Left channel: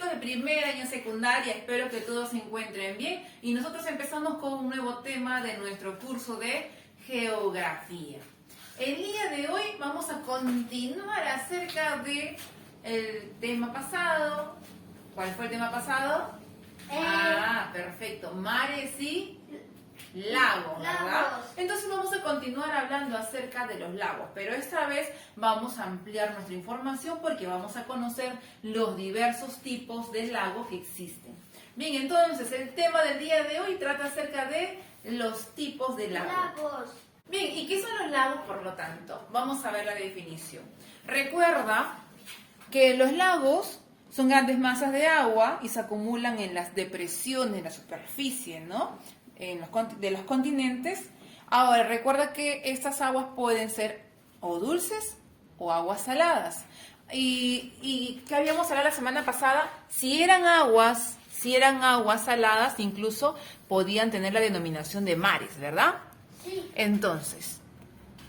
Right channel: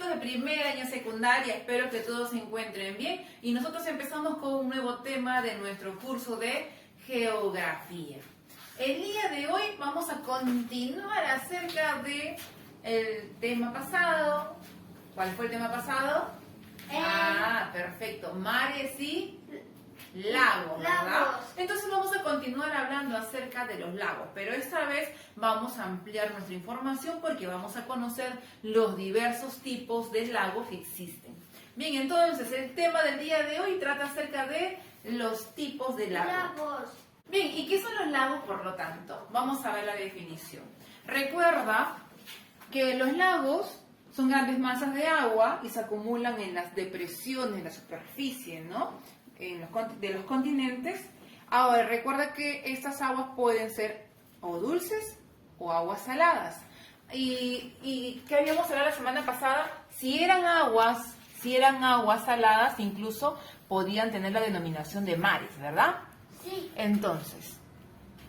chicos de primera y en secundaria, espero que todos se encuentren bien y nosotros empezamos con un nuevo tema de nuestro curso de geografía. El día de hoy vamos a continuar acerca de el tema pasado. ¿Cuál fue el tema pasado? Perfecto, mares y lagos, ¿verdad? Entonces vamos a continuar hablando acerca de los lagos, pero esta vez vamos a ampliar nuestra información porque vamos a conocer los diversos tipos de lagos que existen. Bien, entonces el tema del día de hoy trata acerca de los tipos de lagos. Bien, ¿y qué son los lagos, por lo tanto? Vamos a ver la definición. Recuerda que los lagos son grandes masas de agua y se acumulan en las depresiones, en la superficie, ¿no? De los continentes. Ahora, recuerda que estas aguas pueden ser o dulces o aguas saladas. ¿Y qué habíamos hablado la semana pasada? Si eran aguas saladas, incluso podían tener la denominación de mares, ¿verdad? Sí. Entonces,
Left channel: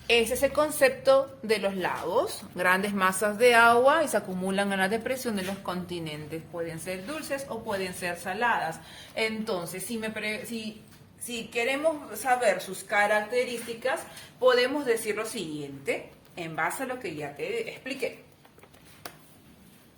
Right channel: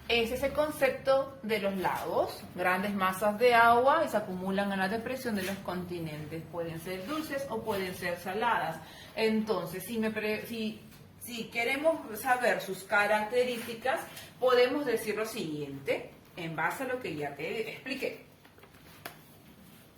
ese es el concepto de los lagos, grandes masas de agua y se acumulan en la depresión de los continentes. Pueden ser dulces o pueden ser saladas. Entonces, si queremos saber sus características, podemos decir lo siguiente, en base a lo que ya te expliqué.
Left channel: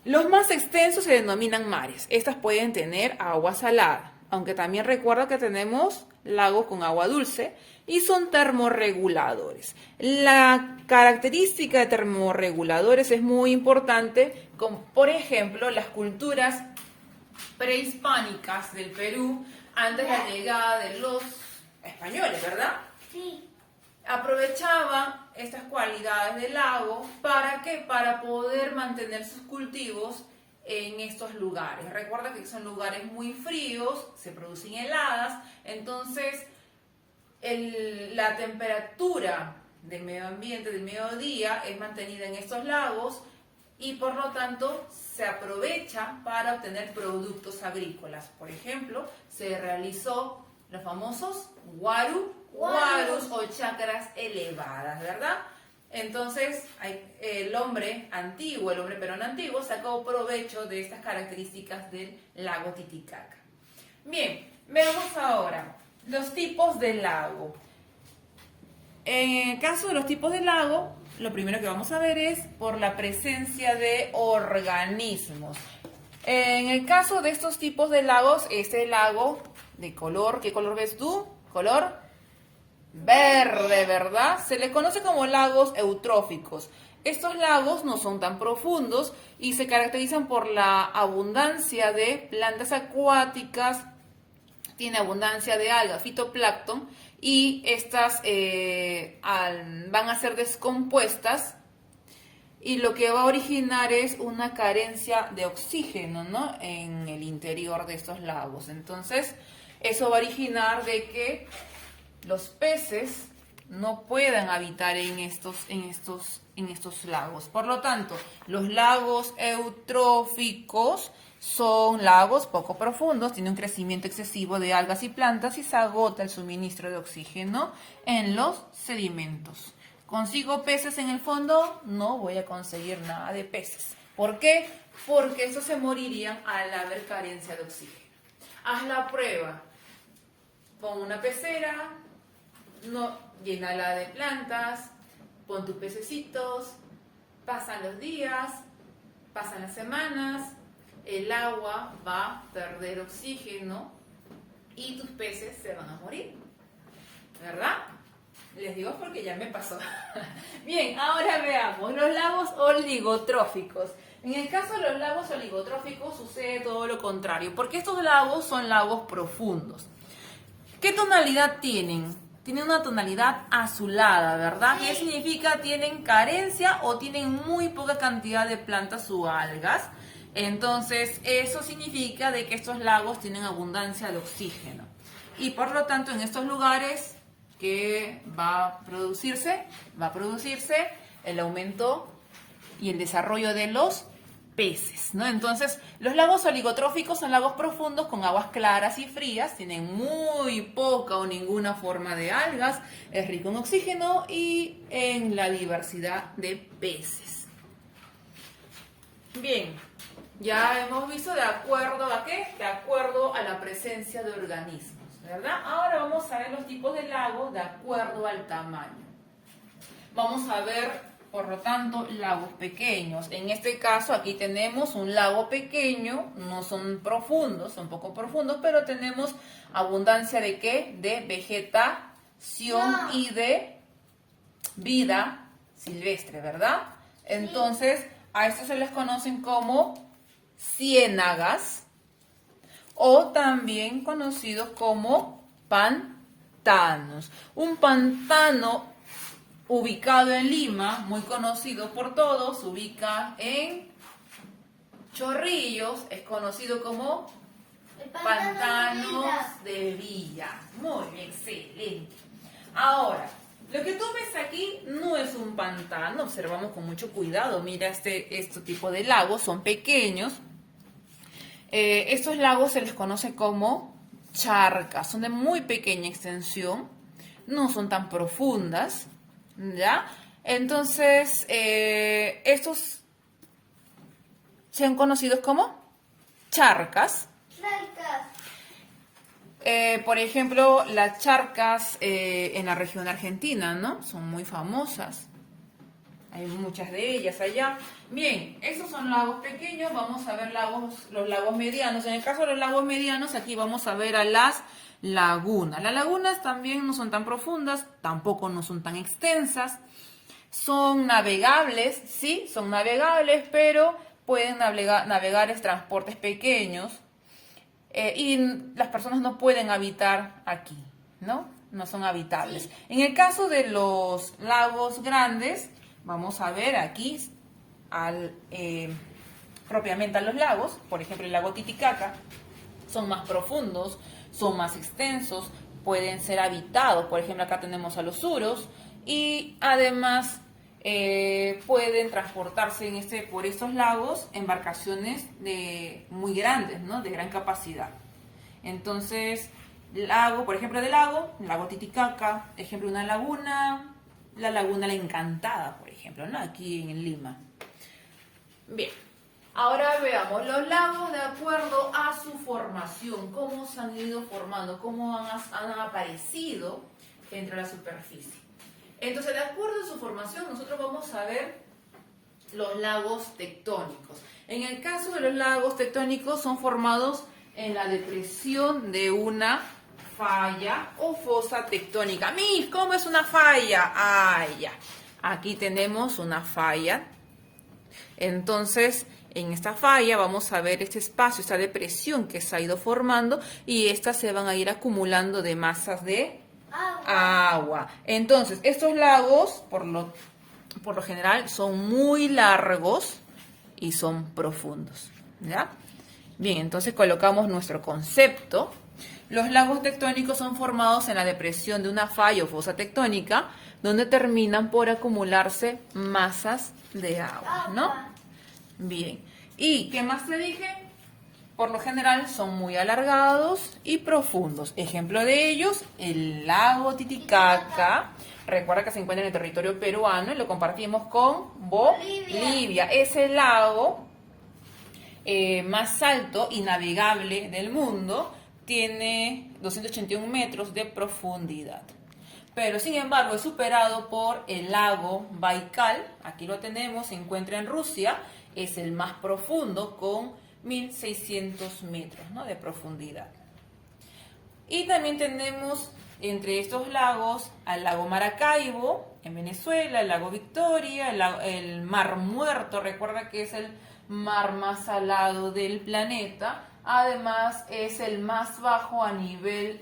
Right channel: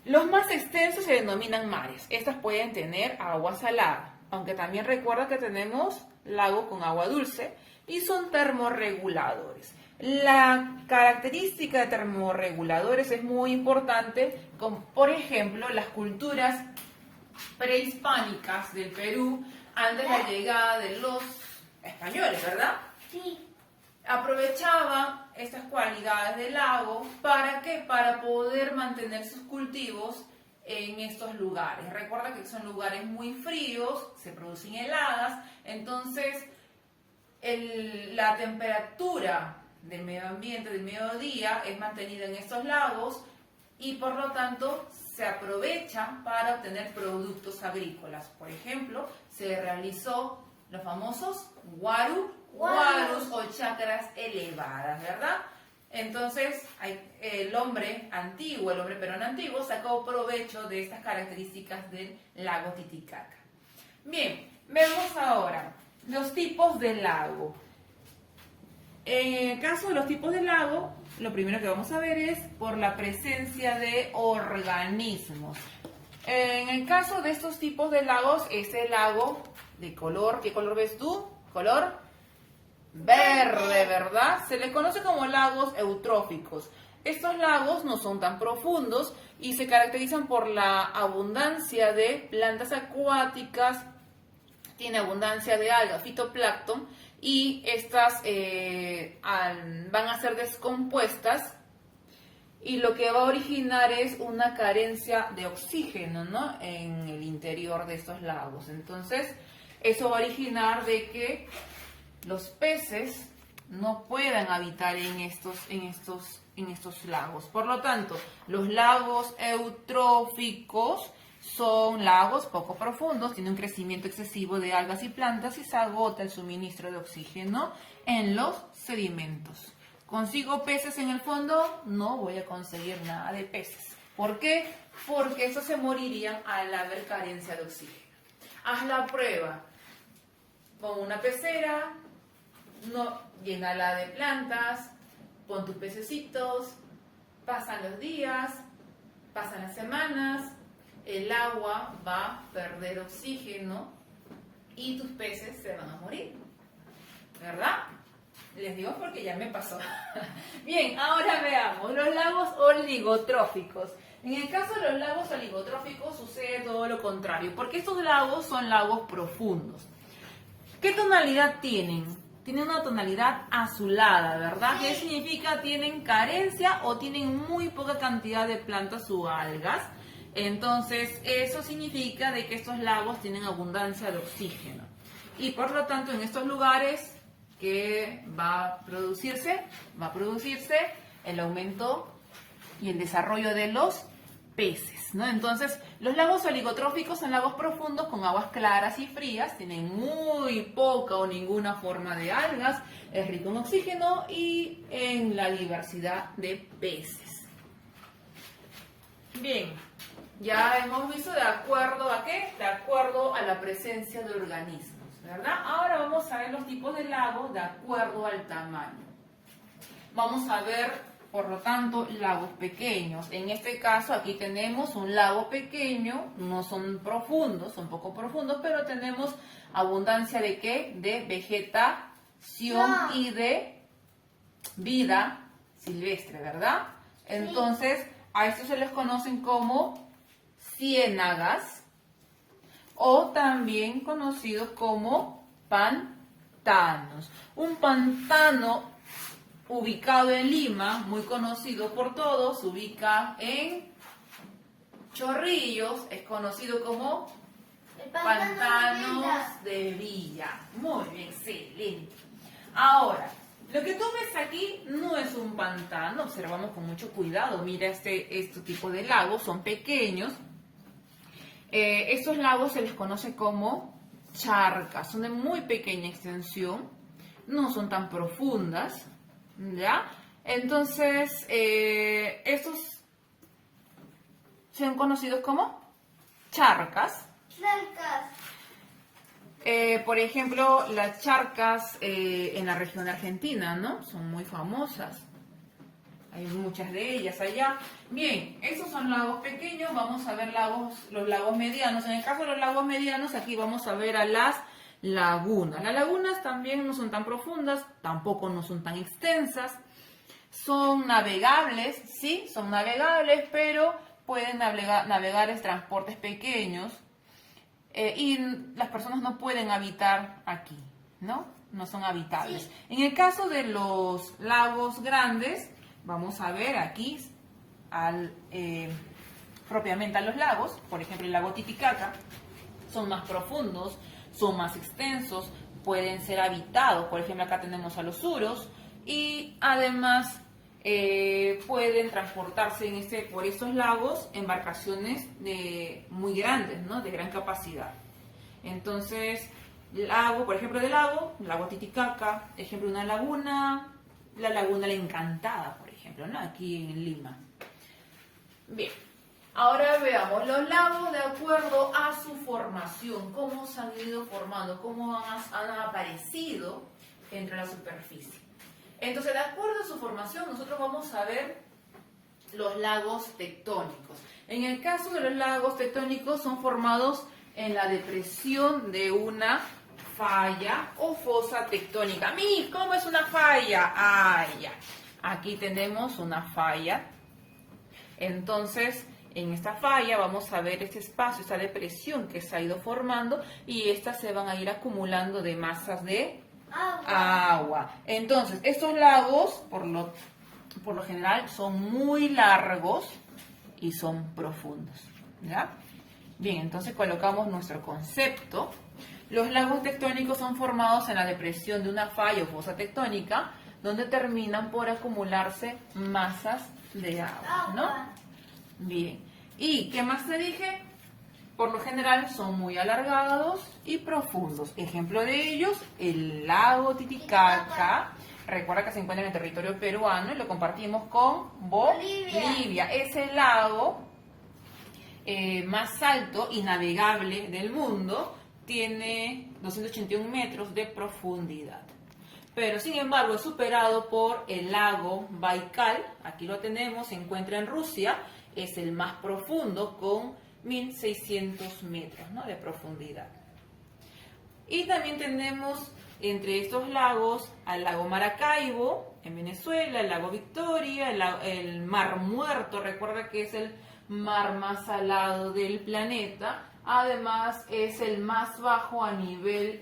Los más extensos se denominan mares. Estas pueden tener agua salada, aunque también recuerda que tenemos lagos con agua dulce y son termorreguladores. La característica de termorreguladores es muy importante, como por ejemplo las culturas prehispánicas del Perú antes de la llegada de los españoles, ¿verdad? Sí. Aprovechaba estas cualidades del lago, ¿para qué? Para poder mantener sus cultivos en estos lugares. Recuerda que son lugares muy fríos, se producen heladas, entonces la temperatura del medio ambiente, del mediodía, es mantenida en estos lagos y por lo tanto se aprovecha para obtener productos agrícolas. Por ejemplo, se realizó los famosos warus o chacras elevadas, ¿verdad? Entonces, el hombre peruano antiguo, sacó provecho de estas características del lago Titicaca. Bien, veamos ahora los tipos de lago. En el caso de los tipos de lago, lo primero que vamos a ver es por la presencia de organismos. En el caso de estos tipos de lagos, este lago de color, ¿qué color ves tú? Color verde, ¿verdad? Se les conoce como lagos eutróficos. Estos lagos no son tan profundos y se caracterizan por la abundancia de plantas acuáticas, tiene abundancia de algas, fitoplancton, y estas van a ser descompuestas y lo que va a originar es una carencia de oxígeno, ¿no? En el interior de estos lagos. Entonces, eso va a originar de que los peces no puedan habitar en estos lagos. Por lo tanto, los lagos eutróficos son lagos poco profundos, tienen un crecimiento excesivo de algas y plantas y se agota el suministro de oxígeno en los sedimentos. ¿Consigo peces en el fondo? No voy a conseguir nada de peces. ¿Por qué? Porque esos se morirían al haber carencia de oxígeno. Haz la prueba. Pon una pecera, llénala de plantas, pon tus pececitos, pasan los días, pasan las semanas, el agua va a perder oxígeno y tus peces se van a morir, ¿verdad? Les digo porque ya me pasó. Bien, ahora veamos los lagos oligotróficos. En el caso de los lagos oligotróficos sucede todo lo contrario, porque estos lagos son lagos profundos. ¿Qué tonalidad tienen? Tienen una tonalidad azulada, ¿verdad? ¿Qué significa? Tienen carencia o tienen muy poca cantidad de plantas o algas. Entonces, eso significa de que estos lagos tienen abundancia de oxígeno. Y por lo tanto, en estos lugares, ¿qué va a producirse? Va a producirse el aumento y el desarrollo de los peces, ¿no? Entonces, los lagos oligotróficos son lagos profundos con aguas claras y frías, tienen muy poca o ninguna forma de algas, es rico en oxígeno y en la diversidad de peces. Bien, Ya hemos visto de acuerdo a qué, de acuerdo a la presencia de organismos, ¿verdad? Ahora vamos a ver los tipos de lagos de acuerdo al tamaño. Vamos a ver, por lo tanto, lagos pequeños. En este caso, aquí tenemos un lago pequeño, no son profundos, son poco profundos, pero tenemos abundancia de ¿qué? De vegetación y de vida silvestre, ¿verdad? Entonces, a estos se les conocen como ciénagas o también conocidos como pantanos. Un pantano ubicado en Lima, muy conocido por todos, se ubica en Chorrillos, es conocido como Pantanos de Villa. Muy bien, excelente. Ahora, lo que tú ves aquí no es un pantano, observamos con mucho cuidado. Mira este tipo de lagos, son pequeños. Estos lagos se les conoce como charcas, son de muy pequeña extensión, no son tan profundas, ¿ya? Entonces, estos son conocidos como charcas. Por ejemplo, las charcas en la región argentina, ¿no? Son muy famosas. Hay muchas de ellas allá. Bien, esos son lagos pequeños. Vamos a ver los lagos medianos. En el caso de los lagos medianos, aquí vamos a ver a las lagunas. Las lagunas también no son tan profundas, tampoco no son tan extensas. Son navegables, sí, son navegables, pero pueden navegar en transportes pequeños. Y las personas no pueden habitar aquí, ¿no? No son habitables. Sí. En el caso de los lagos grandes, vamos a ver aquí propiamente a los lagos, por ejemplo el lago Titicaca, son más profundos, son más extensos, pueden ser habitados, por ejemplo acá tenemos a los suros, y además pueden transportarse por estos lagos embarcaciones muy grandes, ¿no? De gran capacidad. Entonces, por ejemplo, el lago Titicaca, ejemplo, una laguna, la laguna La Encantada, por ejemplo, ¿no? Aquí en Lima. Bien, ahora veamos los lagos de acuerdo a su formación, cómo se han ido formando, cómo han aparecido dentro de la superficie. Entonces, de acuerdo a su formación, nosotros vamos a ver los lagos tectónicos. En el caso de los lagos tectónicos, son formados en la depresión de una falla o fosa tectónica. ¡Mis! ¿Cómo es una falla? Ah, ya. Aquí tenemos una falla. Entonces, en esta falla vamos a ver este espacio, esta depresión que se ha ido formando y estas se van a ir acumulando de masas de agua. Entonces, estos lagos, por lo general, son muy largos y son profundos, ¿ya? Bien, entonces colocamos nuestro concepto. Los lagos tectónicos son formados en la depresión de una falla o fosa tectónica, donde terminan por acumularse masas de agua, ¿no? Bien. ¿Y qué más te dije? Por lo general son muy alargados y profundos. Ejemplo de ellos, el lago Titicaca. Recuerda que se encuentra en el territorio peruano y lo compartimos con Bolivia. Es el lago más alto y navegable del mundo. Tiene 281 metros de profundidad. Pero sin embargo es superado por el lago Baikal. Aquí lo tenemos, se encuentra en Rusia. Es el más profundo con 1600 metros, ¿no? De profundidad. Y también tenemos entre estos lagos al lago Maracaibo en Venezuela, el lago Victoria, el Mar Muerto, recuerda que es el mar más salado del planeta. Además es el más bajo a nivel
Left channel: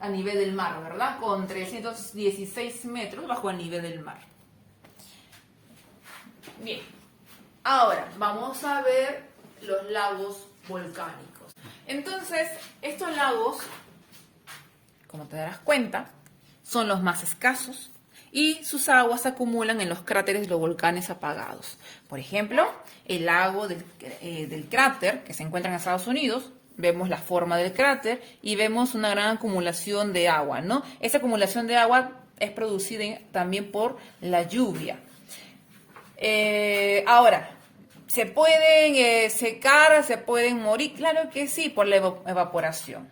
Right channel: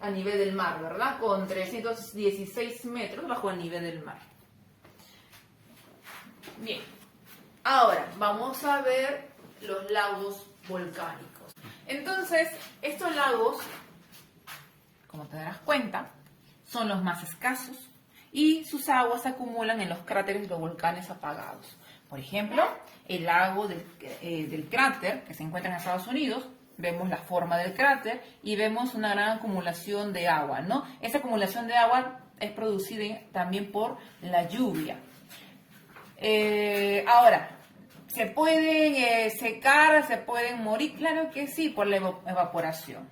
del mar, ¿verdad? Con 316 metros bajo el nivel del mar. Bien. Ahora, vamos a ver los lagos volcánicos. Entonces, estos lagos, como te darás cuenta, son los más escasos y sus aguas se acumulan en los cráteres de los volcanes apagados. Por ejemplo, el lago del cráter, que se encuentra en Estados Unidos, vemos la forma del cráter y vemos una gran acumulación de agua, ¿no? Esa acumulación de agua es producida también por la lluvia. Ahora, ¿Se pueden secar, se pueden morir? Claro que sí, por la evaporación.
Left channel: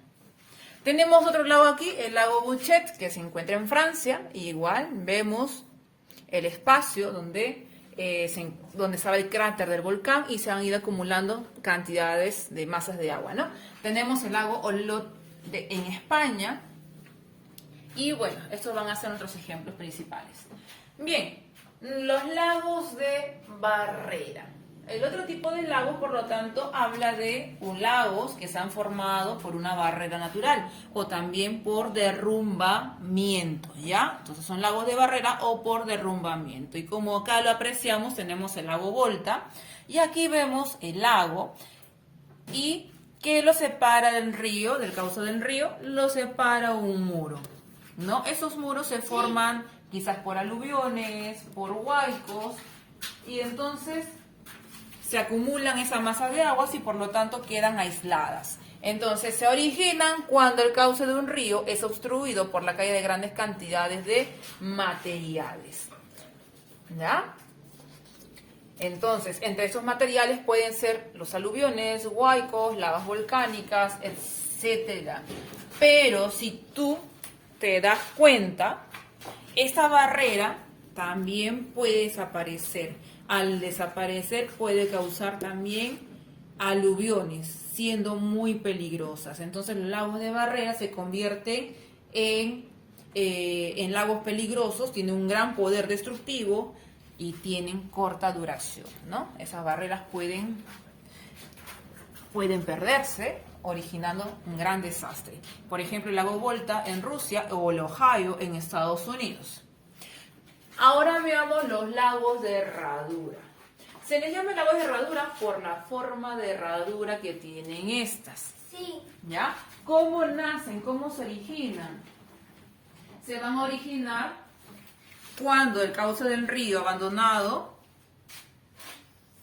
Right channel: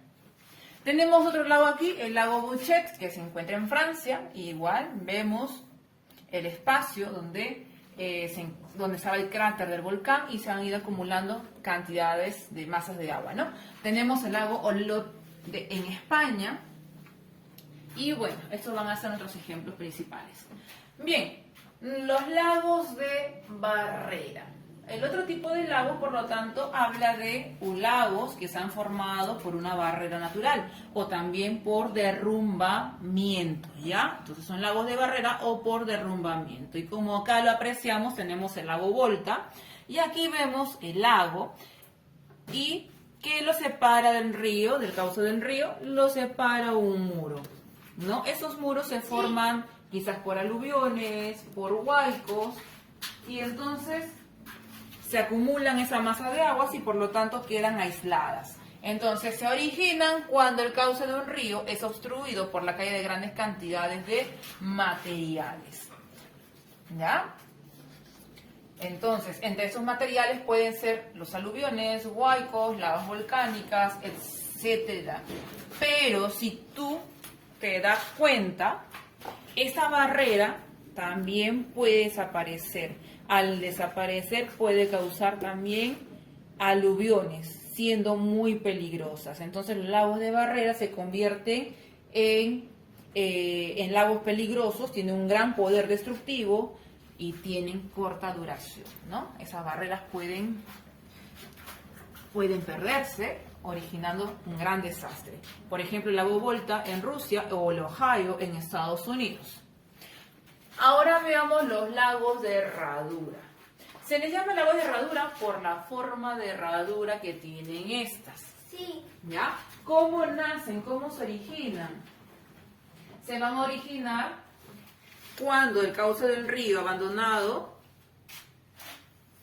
Tenemos otro lago aquí, el lago Bouchet, que se encuentra en Francia. Y igual vemos el espacio donde estaba el cráter del volcán y se han ido acumulando cantidades de masas de agua, ¿no? Tenemos el lago Olot en España. Y bueno, estos van a ser nuestros ejemplos principales. Bien, los lagos de barrera. El otro tipo de lagos, por lo tanto, habla de lagos que se han formado por una barrera natural o también por derrumbamiento, ¿ya? Entonces son lagos de barrera o por derrumbamiento. Y como acá lo apreciamos, tenemos el lago Volta y aquí vemos el lago y que lo separa del río, del cauce del río, lo separa un muro, ¿no? Esos muros se forman quizás por aluviones, por huaicos y entonces se acumulan esa masa de aguas y por lo tanto quedan aisladas. Entonces se originan cuando el cauce de un río es obstruido por la caída de grandes cantidades de materiales. ¿Ya? Entonces, entre esos materiales pueden ser los aluviones, huaicos, lavas volcánicas, etc. Pero si tú te das cuenta, esta barrera también puede desaparecer. Al desaparecer puede causar también aluviones, siendo muy peligrosas. Entonces los lagos de barrera se convierten en lagos peligrosos, tienen un gran poder destructivo y tienen corta duración, ¿no? Esas barreras pueden perderse, originando un gran desastre. Por ejemplo, el lago Volta en Rusia o el Ohio en Estados Unidos. Ahora veamos los lagos de herradura. Se les llama lagos de herradura por la forma de herradura que tienen estas. Sí. ¿Ya? ¿Cómo nacen? ¿Cómo se originan? Se van a originar cuando el cauce del río abandonado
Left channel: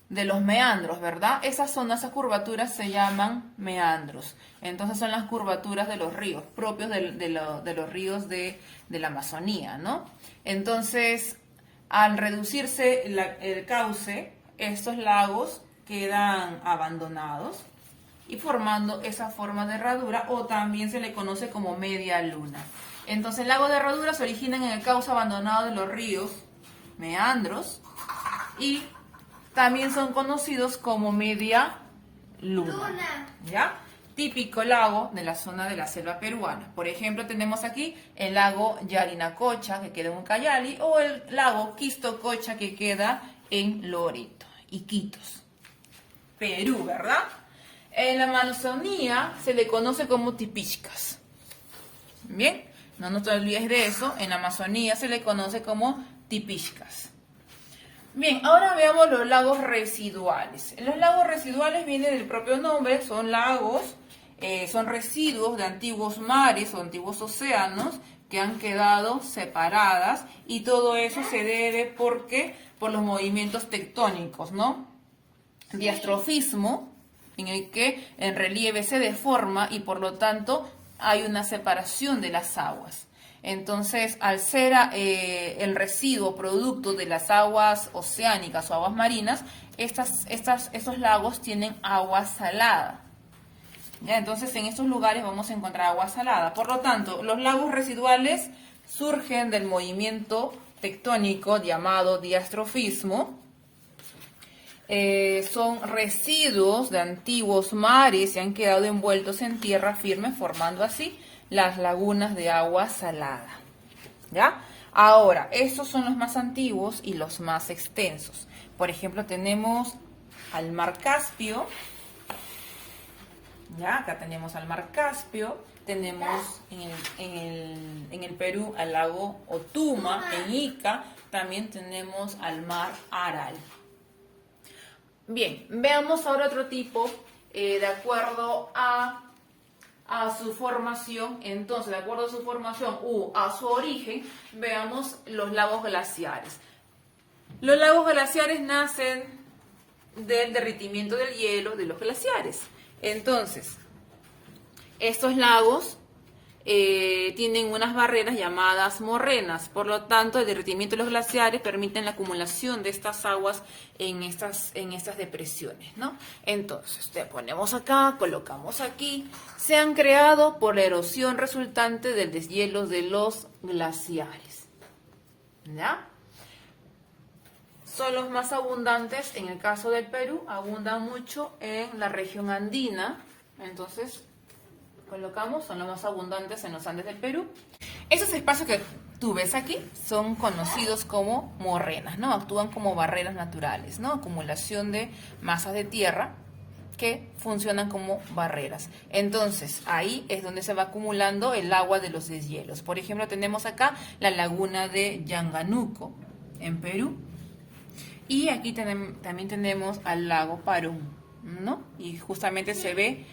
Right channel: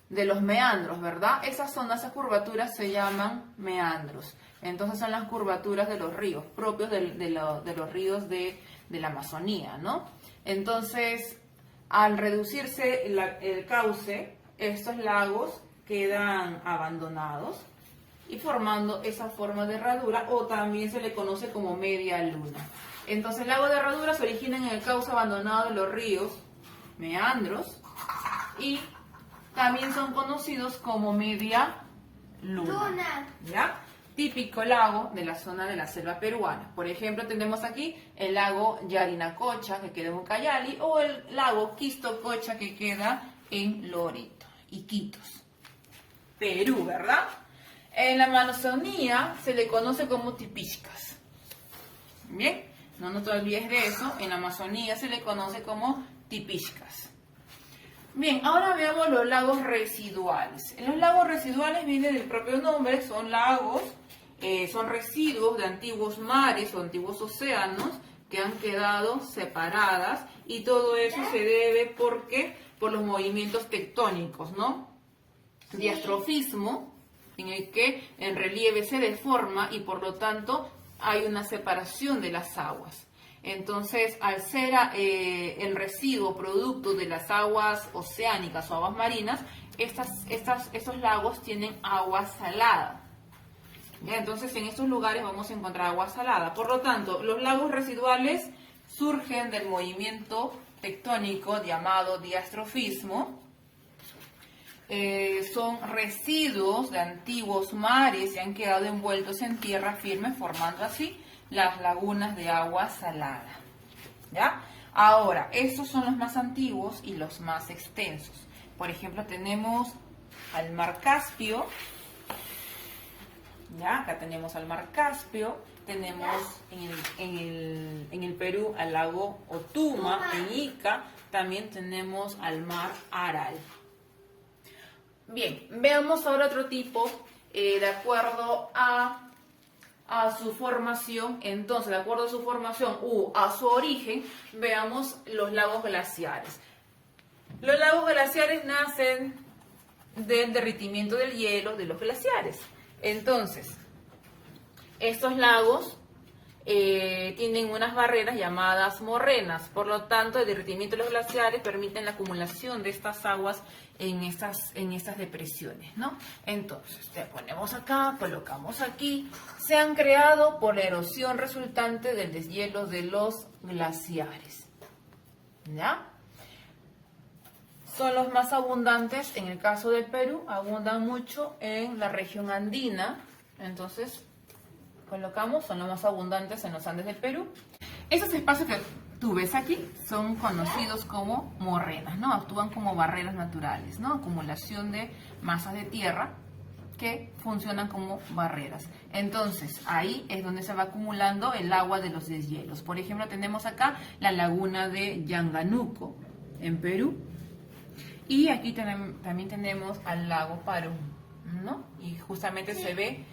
de los meandros, ¿verdad? Esas zonas, esas curvaturas se llaman meandros. Entonces son las curvaturas de los ríos, propios de los ríos de la Amazonía, ¿no? Entonces, al reducirse el cauce, estos lagos quedan abandonados y formando esa forma de herradura, o también se le conoce como media luna. Entonces, el lago de herradura se originan en el cauce abandonado de los ríos, meandros, y también son conocidos como media luna. ¿Ya? Típico lago de la zona de la selva peruana. Por ejemplo, tenemos aquí el lago Yarinacocha, que queda en Ucayali, o el lago Quistococha, que queda en Loreto, Iquitos, Perú, ¿verdad? En la Amazonía se le conoce como tipichcas. Bien, no te olvides de eso. En la Amazonía se le conoce como tipichcas. Bien, ahora veamos los lagos residuales. Los lagos residuales vienen del propio nombre, son lagos, son residuos de antiguos mares o antiguos océanos que han quedado separadas, y todo eso se debe por los movimientos tectónicos, ¿no? Sí. Diastrofismo, en el que el relieve se deforma y por lo tanto hay una separación de las aguas. Entonces, al ser el residuo producto de las aguas oceánicas o aguas marinas, estos lagos tienen agua salada. ¿Ya? Entonces, en estos lugares vamos a encontrar agua salada. Por lo tanto, los lagos residuales surgen del movimiento tectónico llamado diastrofismo. Son residuos de antiguos mares y han quedado envueltos en tierra firme, formando así las lagunas de agua salada. ¿Ya? Ahora, estos son los más antiguos y los más extensos. Por ejemplo, tenemos al mar Caspio. ¿Ya? Acá tenemos al mar Caspio. Tenemos en el Perú al lago Otuma, en Ica. También tenemos al mar Aral. Bien, veamos ahora otro tipo de acuerdo a su formación. Entonces, de acuerdo a su formación a su origen, veamos los lagos glaciares. Los lagos glaciares nacen del derretimiento del hielo de los glaciares. Entonces, estos lagos tienen unas barreras llamadas morrenas. Por lo tanto, el derretimiento de los glaciares permite la acumulación de estas aguas en estas depresiones, ¿no? Entonces, te ponemos acá, colocamos aquí. Se han creado por la erosión resultante del deshielo de los glaciares, ¿ya? Son los más abundantes, en el caso del Perú, abundan mucho en la región andina. Entonces, colocamos, son los más abundantes en los Andes del Perú. Esos espacios que tú ves aquí son conocidos como morrenas, ¿no? Actúan como barreras naturales, ¿no? Acumulación de masas de tierra que funcionan como barreras. Entonces, ahí es donde se va acumulando el agua de los deshielos. Por ejemplo, tenemos acá la laguna de Yanganuco, en Perú. Y aquí también tenemos al lago Parón, ¿no? Y justamente se ve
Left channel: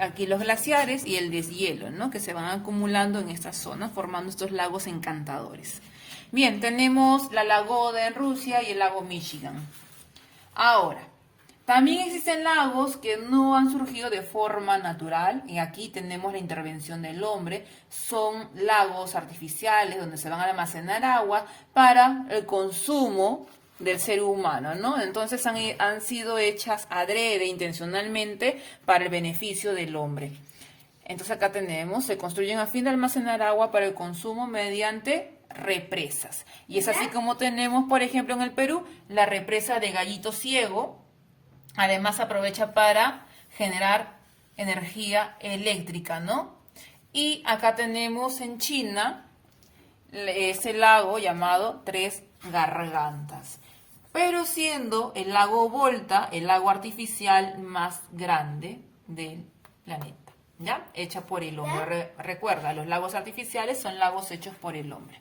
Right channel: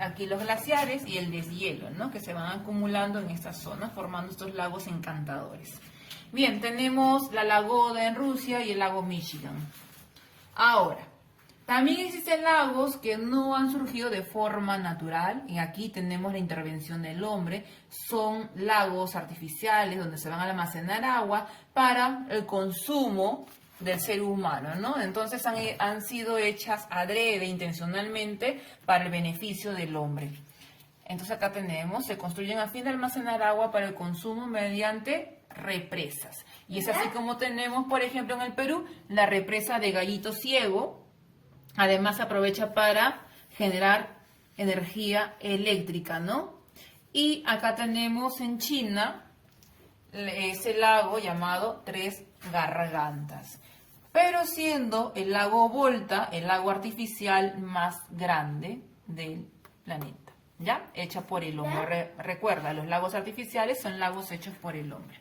aquí los glaciares y el deshielo, ¿no? Que se van acumulando en esta zona, formando estos lagos encantadores. Bien, tenemos la Lagoda en Rusia y el lago Michigan. Ahora, también existen lagos que no han surgido de forma natural, y aquí tenemos la intervención del hombre. Son lagos artificiales donde se van a almacenar agua para el consumo del ser humano, ¿no? Entonces han sido hechas adrede, intencionalmente, para el beneficio del hombre. Entonces acá tenemos, se construyen a fin de almacenar agua para el consumo mediante represas. Y es así como tenemos, por ejemplo, en el Perú, la represa de Gallito Ciego. Además se aprovecha para generar energía eléctrica, ¿no? Y acá tenemos en China ese lago llamado Tres Gargantas, pero siendo el lago Volta el lago artificial más grande del planeta, ¿ya? Hecha por el hombre. Recuerda, los lagos artificiales son lagos hechos por el hombre.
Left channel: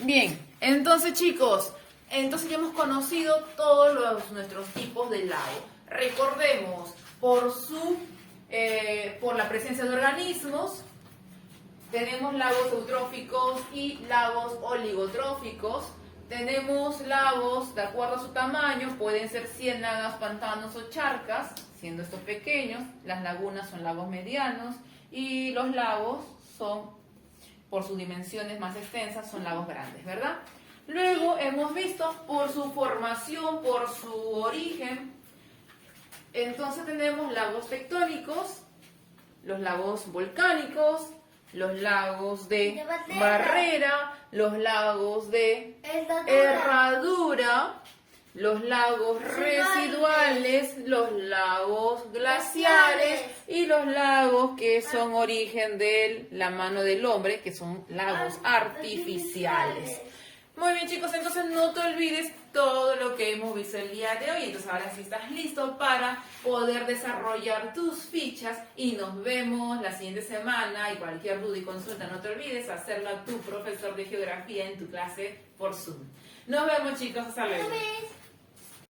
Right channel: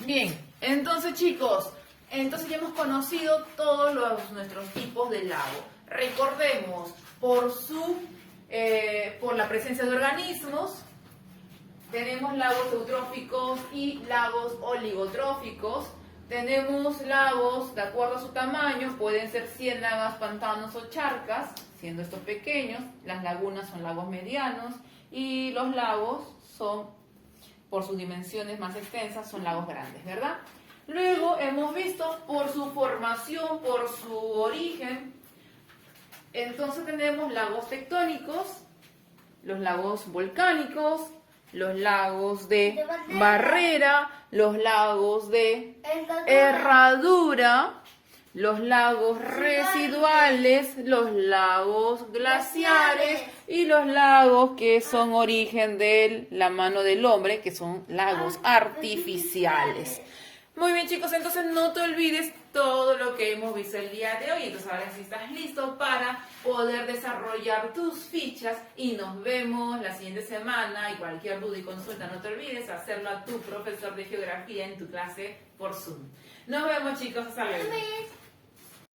Bien, entonces chicos, ya hemos conocido todos nuestros tipos de lago. Recordemos, por la presencia de organismos, tenemos lagos eutróficos y lagos oligotróficos. Tenemos lagos, de acuerdo a su tamaño, pueden ser ciénagas, pantanos o charcas, siendo estos pequeños. Las lagunas son lagos medianos y los lagos son, por sus dimensiones más extensas, son lagos grandes, ¿verdad? Luego hemos visto por su formación, por su origen. Entonces tenemos lagos tectónicos, los lagos volcánicos, los lagos de barrera, los lagos de herradura, los lagos residuales, los lagos glaciares y los lagos que son origen de la mano del hombre, que son lagos artificiales. Muy bien chicos, entonces no te olvides todo lo que hemos visto el día de hoy. Entonces ahora sí estás listo para poder desarrollar tus fichas y nos vemos la siguiente semana. Y cualquier duda y consulta no te olvides hacerlo a tu profesor de geografía en tu clase por Zoom. Nos vemos chicos, hasta luego.